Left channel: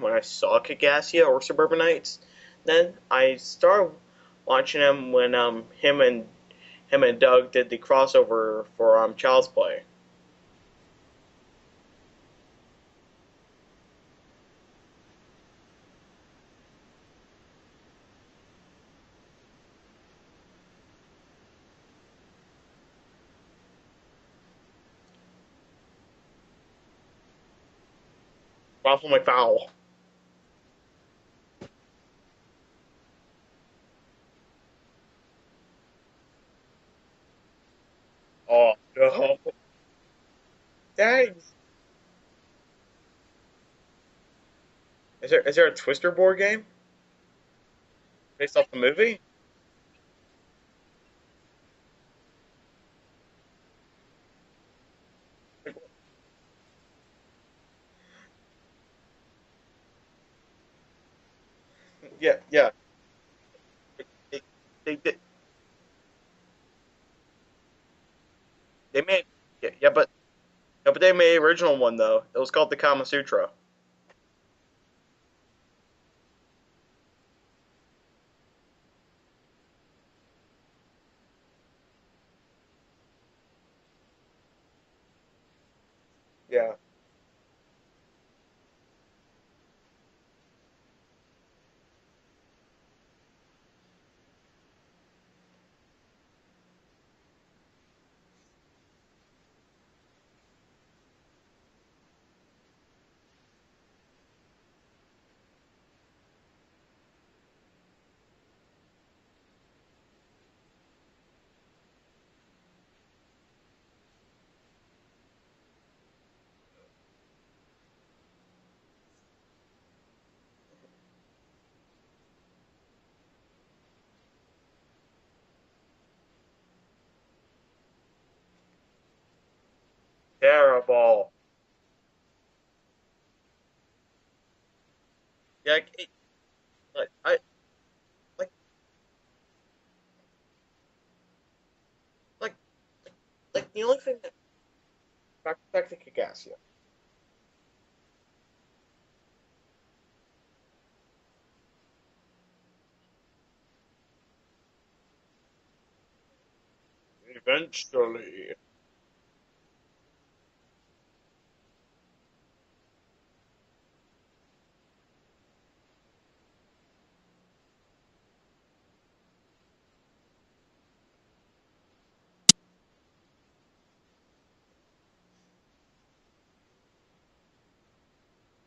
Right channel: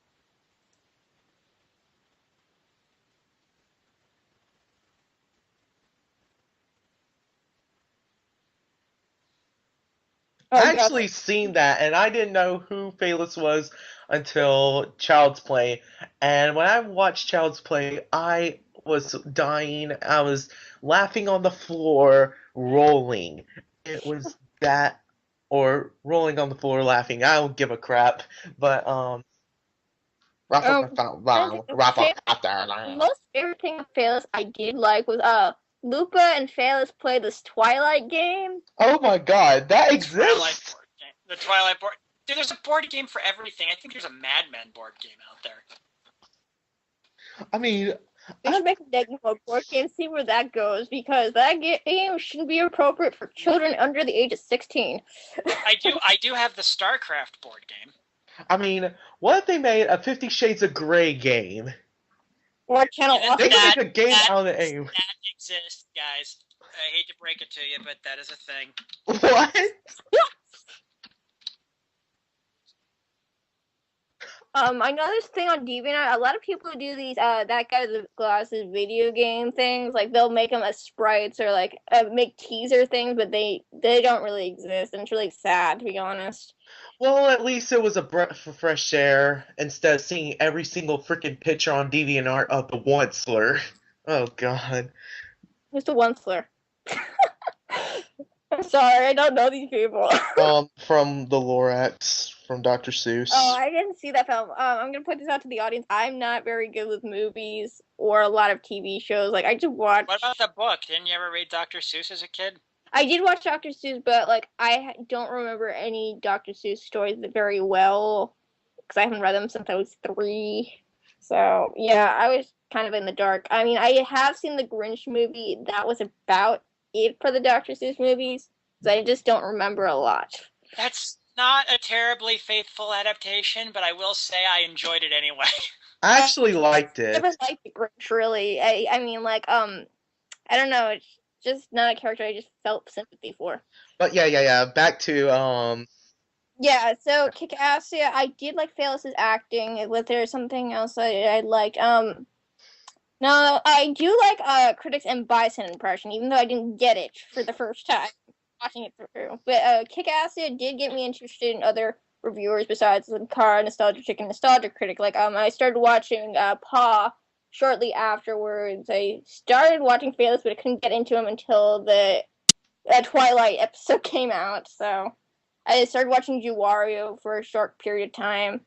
when I saw Kickassia or Suburban Knights. Then I started watching him when him and Doug did the crossover for Child's Play. I Oh, actually seen that, and I didn't know who Phelous was until Child's Play. And when I watched Child's Play, I was dying. I was laughing on the floor, rolling. It was that, or rolling on the floor laughing. I don't give a crap. But Raffle my foul. Rafa, the most favorite thing of Phelous I did like was Lupa and Phelous played this Twilight game. Oh my god, that exists! The Twilight board. Dude, there's a board game for everything. I think there's a Mad Men board game. Is there a Twister board game? I mean, Based off the movie? Board game, see where that goes, because that game shouldn't be appropriate for children under the age of 16. I do have the StarCraft board game. I mean, what if they made a 50 Shades of Grey game? Yeah. What channel? They could make a game out of the aim. That exists, guys. I hate to break it to you, but that is a thing. They made What? but they made an original one though. It was called the Kama Sutra. I know this thing on DeviantArt. A lot of people do these that guy with the glasses video game things. Like they'll make them as sprites or like make teaser things, but they don't really exist, and it's really sad to be honest. Yeah. Well, at least it was a breath of fresh air instead of seeing every single freaking picture on DeviantArt of the Onceler. Oh god. Who's the Onceler? I'm sorry, I don't know these people. From the Lorax, from Dr. Seuss. Oh, I didn't see that film. I'm gonna put this out to the audience. I'm not very good with movies or a lot of TV shows. Like I just watch. What about the book? Didn't you ever read Dr. Seuss as a kid? I did watch Dr. Seuss, but like I don't remember any Dr. Seuss stories very well because I haven't read them since I was 3. So yeah, I was kind of in the dark. I mean, I have seen the Grinch movie. That was about it for the Dr. Seuss movies. So I just don't remember a lot. Terrible. That's not a terribly faithful adaptation, but I will say I enjoyed it anyway. Yeah, I actually liked I it. never liked the Grinch really. I mean like I don't know. It's just not a character I just felt sympathy for. But yeah. Back to Back to Kickassia. Yeah, so Kickassia, I did like Phelous' acting. Was there something else I liked? No, I do like Critics and Bison impression, even though I didn't get it for the first time watching it through. But Kickassia did get me interested in other reviewers besides the Car Nostalgia Chick and Nostalgia Critic. Like I started watching Paw shortly afterwards. I started watching Phelous, but I couldn't get into him until the Twilight episode came out. So I started watching Juwario for a short period of time.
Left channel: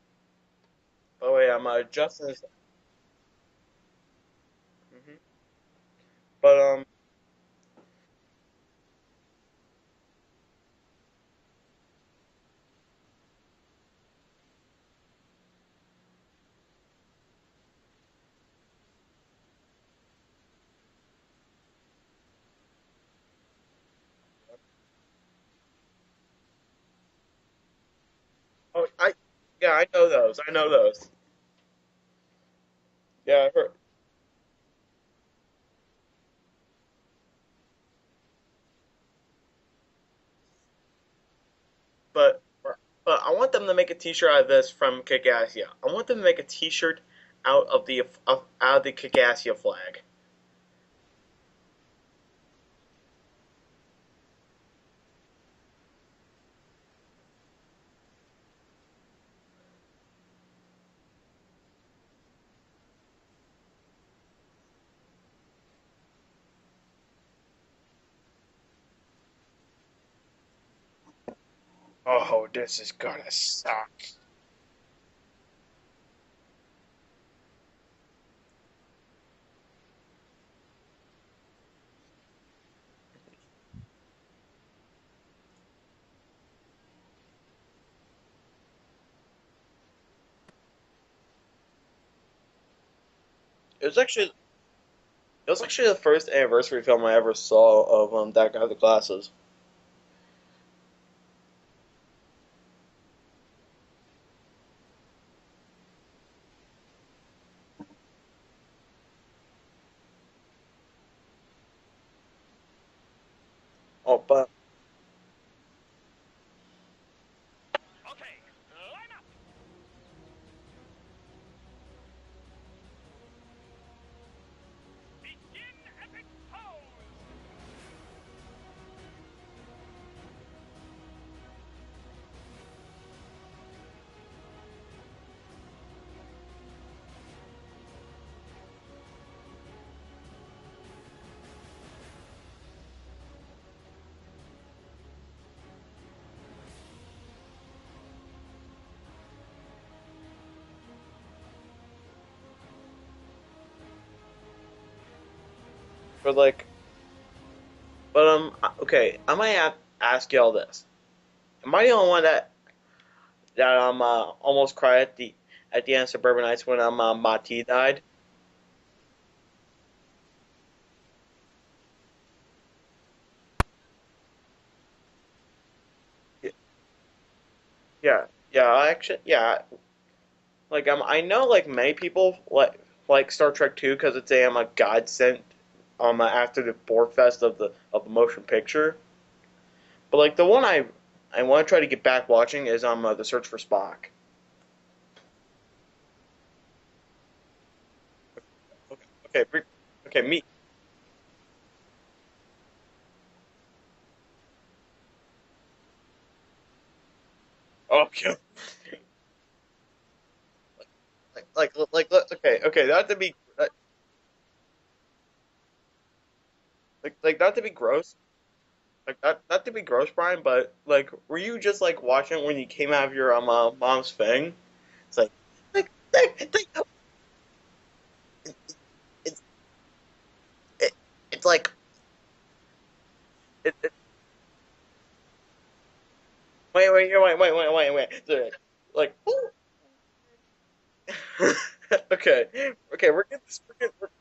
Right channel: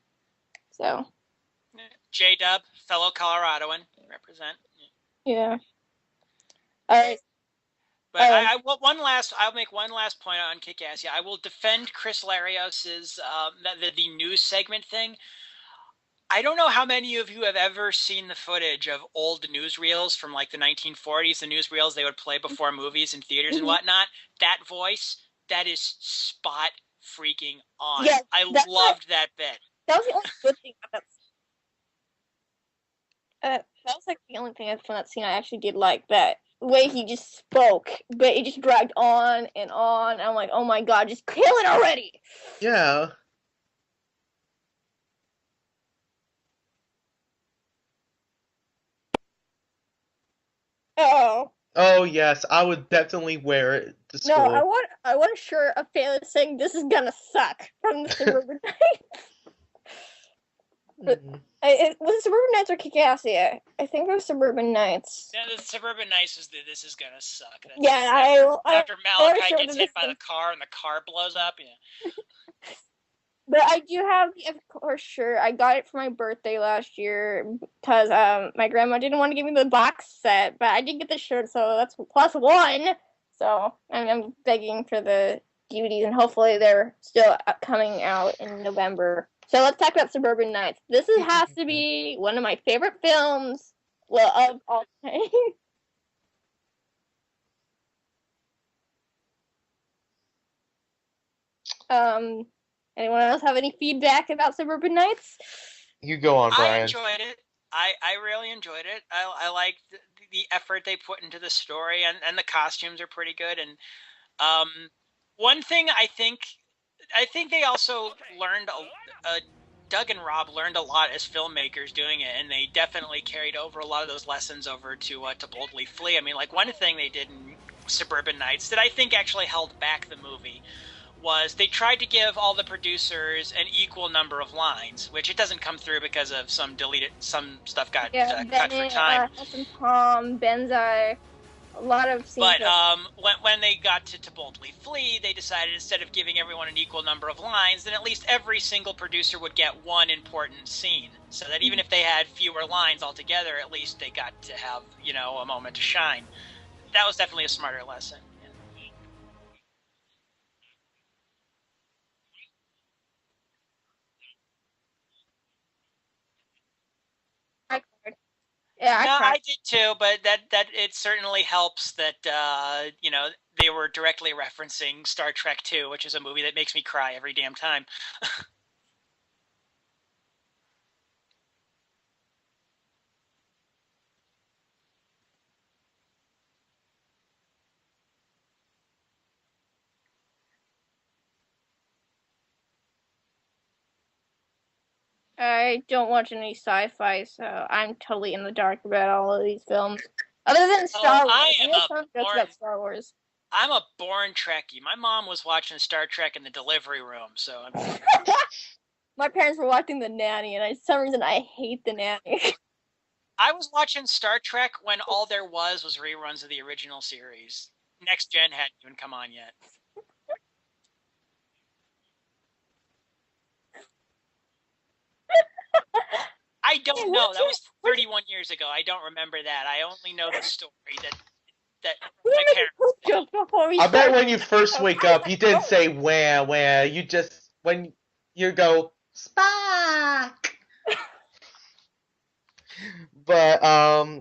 So. Oh yeah, I'm just J-Dub, fellow Coloradoan, represent. Yeah. But All right. But I'll make one last point on Kickassia. I will defend Chris Larios's the news segment thing. I don't know how many of you have ever seen the footage of old newsreels from like the 1940s, the newsreels they would play before movies in theaters and whatnot. That voice, that is spot freaking on. Yeah, I love that bit. yeah, I know those. Yeah. That was like the only thing from that scene I actually did like. That way he just spoke, but it just dragged on and on. And I'm like, oh my god, just kill it already. But yeah. But I want them to make a T-shirt out of this from Kickassia. I want them to make a T-shirt out of the Kickassia flag. Oh yes, I would definitely wear it to school. No, I want a shirt of Phelous saying "This is gonna suck" from the Suburban Knights. Was it Suburban Knights or Kickassia? I think it was Suburban Knights. Yeah, the Suburban Knights is This Is Gonna Suck. After Malachi gets hit by the car and the car blows up. Yeah. Oh, this is gonna suck. But I do have the of course shirt. I got it for my birthday last year because my grandma didn't want to give me the box set, but I did get the shirt, so that's +1. So I'm begging for the DVDs, and hopefully they're still coming out in November. So let's talk about Suburban Knights. This has to be one of my favorite films. It was actually of all time. It was actually the first anniversary film I ever saw of that guy with the glasses. Anyone else have any feedback about Suburban Knights? You go on, Brian. I enjoyed it. I really enjoyed it. I liked the effort they put into the story, and the costumes are pretty good. And one thing I think they also learned Doug and Rob learned a lot as filmmakers doing it, and they definitely carried over a lot of those lessons over to Boldly Flee. I mean, like, one thing they did in Suburban Knights that I think actually held back the movie was they tried to give all the producers an equal number of lines, which it doesn't come through because of some stuff got cut for time. Hassan Tom, Benzai, a lot of scenes. But when they got to Boldly Flee, they decided instead of giving everyone an equal number of lines, then at least every single producer would get one important scene. So that even if they had fewer lines altogether, at least they got to have, a moment to shine. But like, that was definitely a smarter lesson. But okay, I might ask y'all this. Am I the only one that almost cried at the end of Suburban Nights when Mati died? Yeah, I did too, but that it certainly helps that they were directly referencing Star Trek 2, which is a movie that makes me cry every damn time. Yeah, Like I know like many people like Star Trek 2 because it's a godsend after the board fest of the motion picture. But like the one I want to try to get back watching is The Search for Spock. I don't watch any sci-fi, so I'm totally in the dark about all of these films. Okay, me. Other than Star Wars. I am about Star Wars. I'm a born Trekkie. My mom was watching Star Trek in the delivery room, so My parents were watching The Nanny, and for some reason I hate The Nanny. Okay, not to be. I was watching Star Trek when all there was reruns of the original series. Like not to be gross. Next Gen hadn't even come on yet. Not to be gross, Brian, but like, were you just like watching it when you came out of your mom's thing? It's like. I don't know. That was 31 years ago. I don't remember that. I only know the story it's like that my parents. I bet when you first wake up, you didn't say wah wah. Wait. You go like Spock. Okay.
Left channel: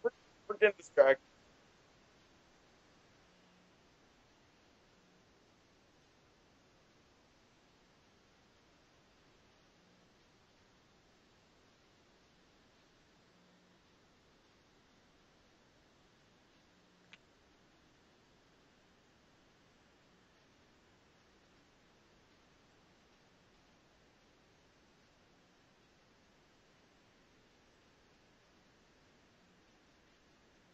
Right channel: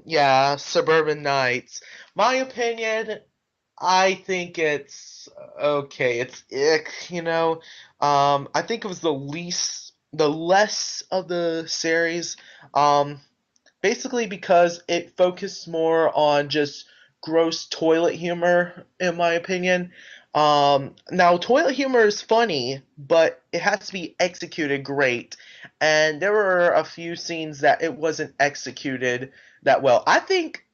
Yeah, Suburban Knights. My opinion, I think it's okay. It's ick, I think it was the less of the series, basically because it focused more on just gross toilet humor, in my opinion. Now, toilet humor is funny, but it has to be executed great, and there were a few scenes that it wasn't executed that well. I think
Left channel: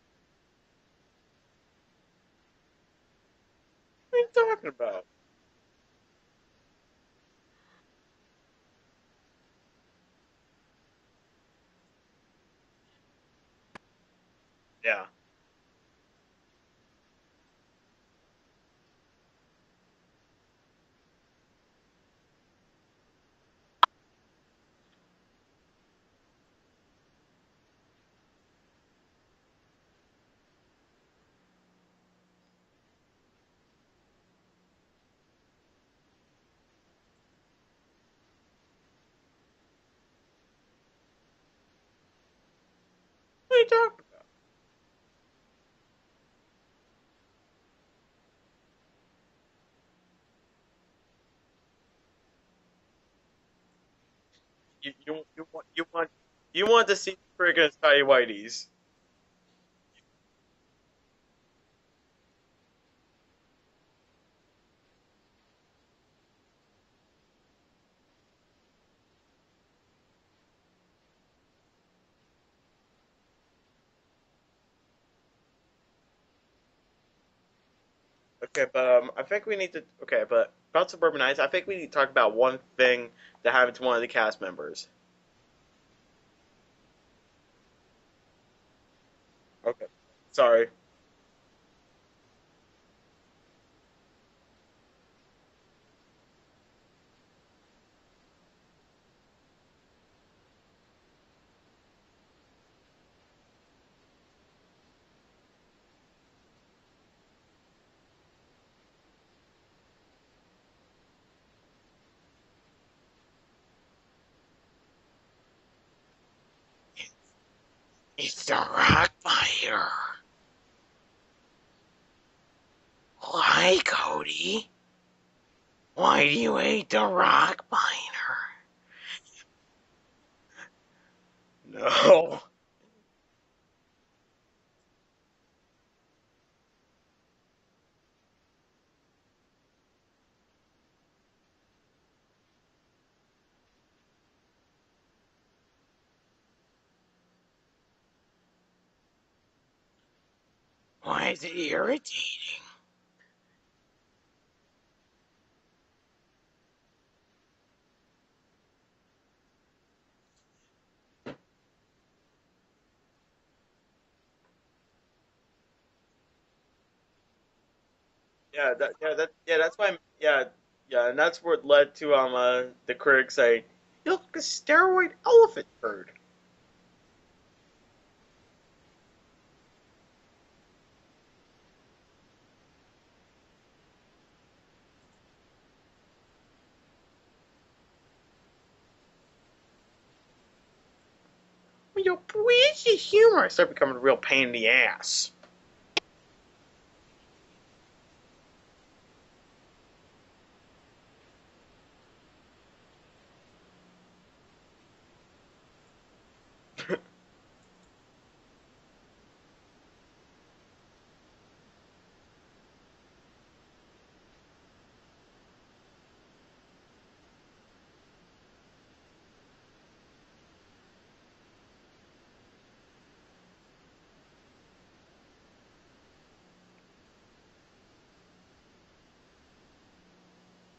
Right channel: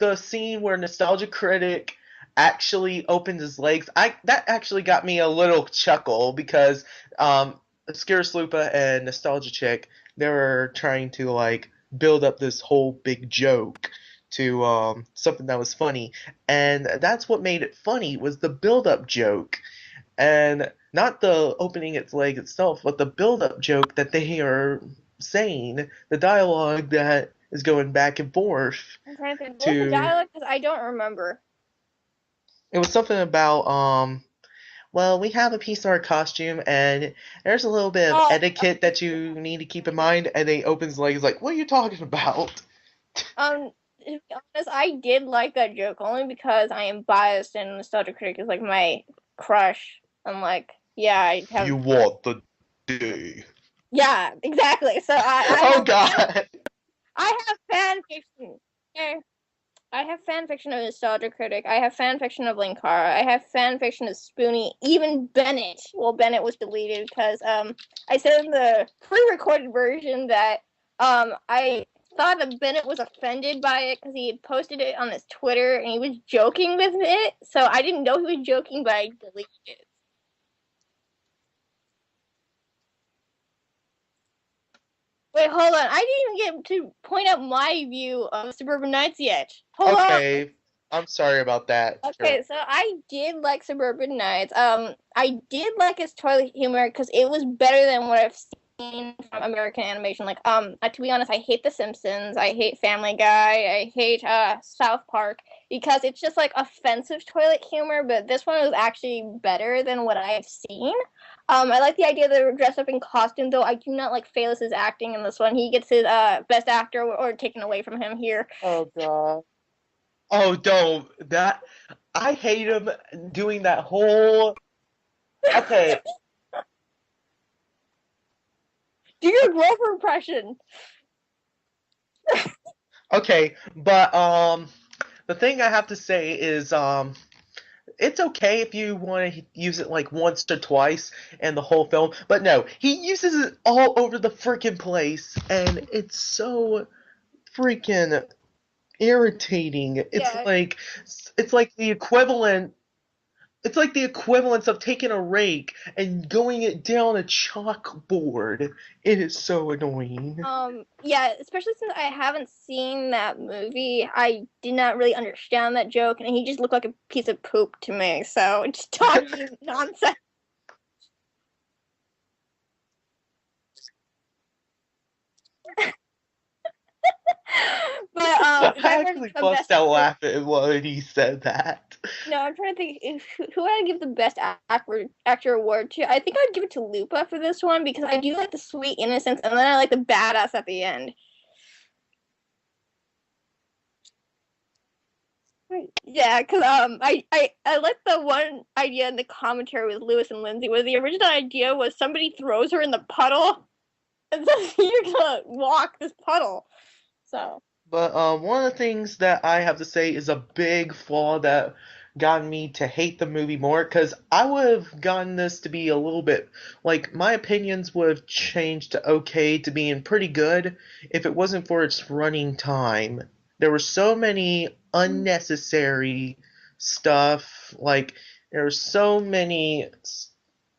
the scene where Nostalgia Critic actually opened his legs, that actually got me a little chuckle, because Scareslupa and Nostalgia Chick, they were trying to like build up this whole big joke to something that was funny, and that's what made it funny, was the build-up joke, and not the opening its leg itself, but the build-up joke that they are saying, the dialogue that is going back and forth. I'm trying to think. What was the dialogue? Because I don't remember. It was something about well, we have a piece of our costume, and there's a little bit of etiquette that you need to keep in mind. And he opens his legs like, what are you talking about? To be honest, I did like that joke, only because I am biased, and Nostalgia Critic is like my crush. I'm like, yeah, I have... You want the day. Yeah, exactly. So oh, God. You want to see friggin' Tidy Whiteys. Okay. I have fan-fiction of Nostalgia Critic. I have fan-fiction of Linkara. I have fan-fiction of Spoonie. Even Bennett. Well, Bennett was deleted because I said in the pre-recorded version that I thought that Bennett was offended by it because he had posted it on his Twitter and he was joking with it. So I didn't know he was joking, but I think we need to... Okay, but about Suburban Knights, I think we need to talk about one thing that happened to one of the cast members. Wait, hold on. I didn't even get to point out my view of Suburban Knights yet. Hold on. Sorry. I'm sorry about that. Okay, so I did like Suburban Knights. I did like his toilet humor because it was better than what I've seen from American animation. Like, to be honest, I hate The Simpsons. I hate Family Guy. I hate South Park because it's just like offensive toilet humor. But this one was actually better than what I've seen. I like the idea that they were dressed up in costume, though I do not like Phelous' acting in this one. He gets his best actor or taken away from him here. Oh, don't. I hate him doing that whole... Okay. Why do you hate the rock miner? Do your Grover impression. No. Okay, but the thing I have to say is it's okay if you want to use it like once or twice in the whole film, but no, he uses it all over the freaking place, and it's so freaking irritating. Yeah. Why is It's it like the irritating? equivalent. It's like the equivalence of taking a rake and going it down a chalkboard. It is so annoying. Yeah, especially since I haven't seen that movie, I did not really understand that joke, and he just looked like a piece of poop to me. So Yeah, just that's nonsense. why. Yeah, and that's what led to the critics saying, "You look like a steroid elephant turd." But I if I were to actually give a bust best out laughing when he said that. no, I'm trying to think who I'd give the best actor award to. I think I'd give it to Lupa for this one because I do like the sweet innocence, and then I like the badass at the end. Well, where's the humor? I start becoming a real pain in the ass. Yeah, because I like the one idea in the commentary with Lewis and Lindsay, where the original idea was somebody throws her in the puddle, and so you're gonna walk this puddle. So. But one of the things that I have to say is a big flaw that got me to hate the movie more, because I would have gotten this to be a little bit, like, my opinions would have changed to okay to being pretty good if it wasn't for its running time. There were so many unnecessary stuff, like, there were so many,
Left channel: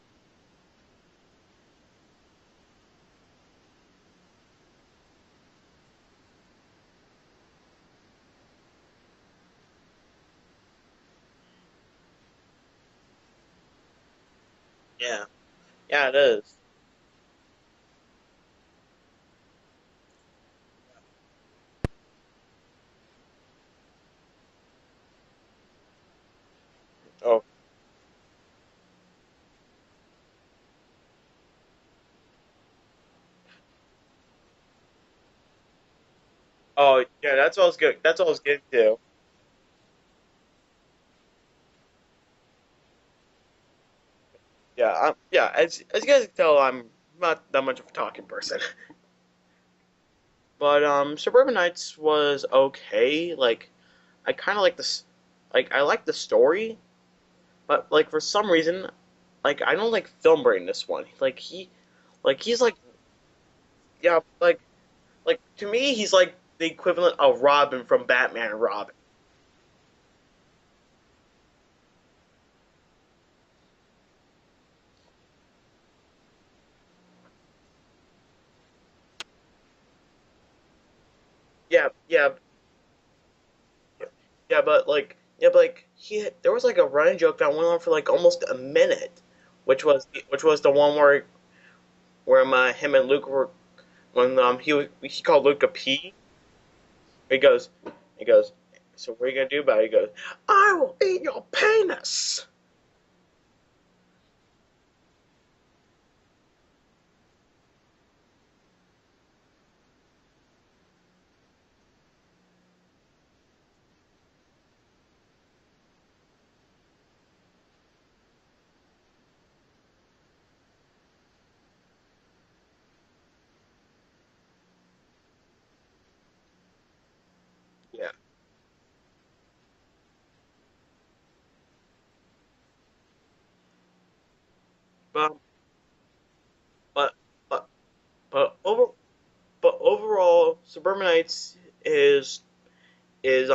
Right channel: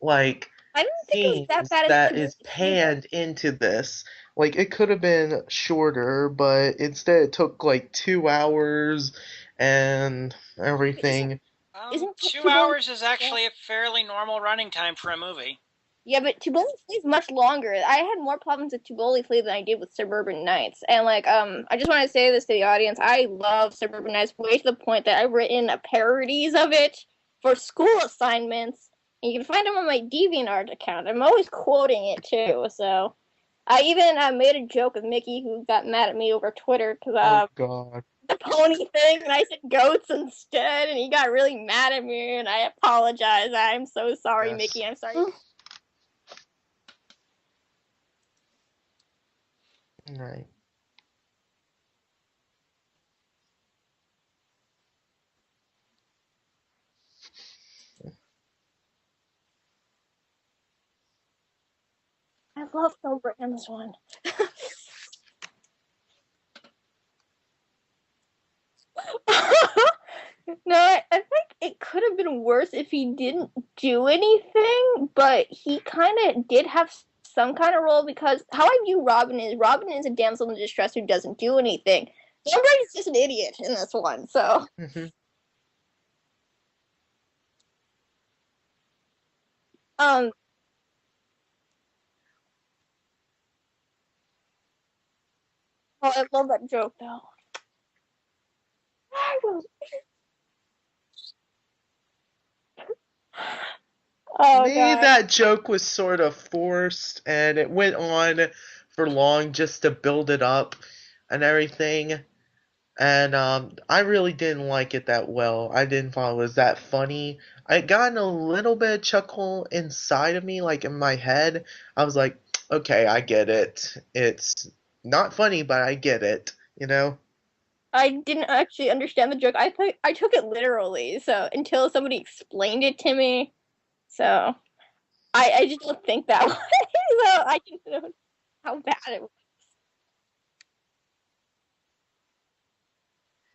like, I didn't think it was scenes that bad as that Taboo is either. panned into this. Like, it could have been shorter, but instead it took like 2 hours and Isn't everything. isn't Two Taboo? hours is actually a fairly normal running time for a Yeah. movie. Yeah, Yeah, it but is. Tivoli Flea is much longer. I had more problems with Tivoli Flea than I did with Suburban Knights. And like, I just want to say this to the audience. I love Suburban Knights way to the point that I've written a parodies of it Oh. for school assignments. And you can find them on my DeviantArt account. I'm always quoting it too. So I even made a joke with Mickey, who got mad at me over Twitter Oh, because yeah, that's always good. God. That's the always good pony too. thing, and I said goats instead, and he got really mad at me, and I apologize. I'm so sorry, Yes. Mickey. Yeah, I'm sorry. yeah. As you guys can tell, I'm not that much of a talking person. Right. But Suburban Nights was okay. Like, I kind of like this. Like, I like the story, but like for some reason, like I don't like Film Brain this one. He's I like, love Philbert in this one. yeah, like to me, he's like the equivalent of Robin from Batman and Robin. No, I think it could have been worse if he didn't do anything, but he kind of did have some kind of role because how I view Robin is a damsel in distress who doesn't do anything. Yeah, Philbert is just an idiot in this one, so. yeah, but like, there was like a running joke that went on for like almost a minute, which was the one where him and Luke were when he called Luke a pea. Oh, I love that joke though. He goes, so what are you gonna do about it? He goes, I will eat your penis. Oh, Maybe God. that joke was sort of forced and it went on for long just to build it up and everything. And I really didn't like it that well. I didn't find it was that funny. I got a little bit of chuckle inside of me, like in my head. I was like, okay, I get it. It's not funny, but I get it, you know? I didn't actually understand the joke. I took it literally, so until somebody explained it to me. So But I just don't think that way. But- So I can know but how bad it was. but overall, Suburban Nights is is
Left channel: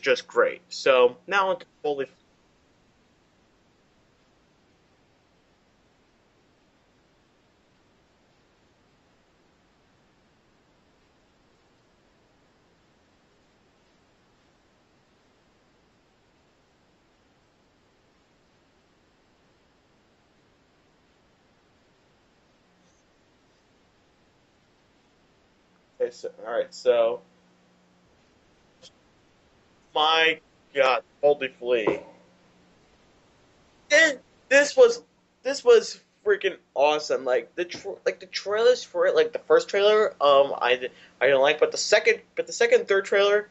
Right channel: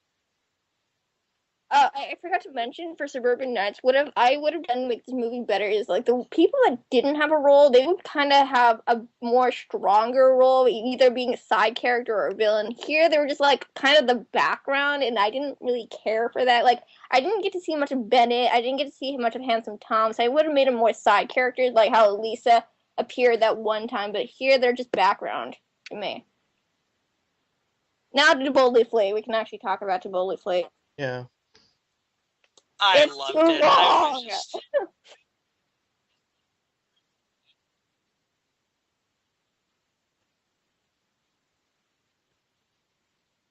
just great. So now on to I forgot to mention for Suburban Knights, I would have done make this movie better is like the people that didn't have a role, they would kind of have a more stronger role, either being a side character or a villain. Here, they were just like kind of the background, and I didn't really care for that. Like, I didn't get to see much of Bennett. I didn't get to see much of Handsome Tom. So I would have made them more side characters, like how Lisa appeared that one time. But here, they're just background to me. all right, so Now to Boldly Flea. We can actually talk about my Boldly Flea. God, Yeah. Boldly Flea. I It's loved too it. long. This was freaking awesome. Like the trailers for it, like the first trailer, I didn't like, but the second, third trailer,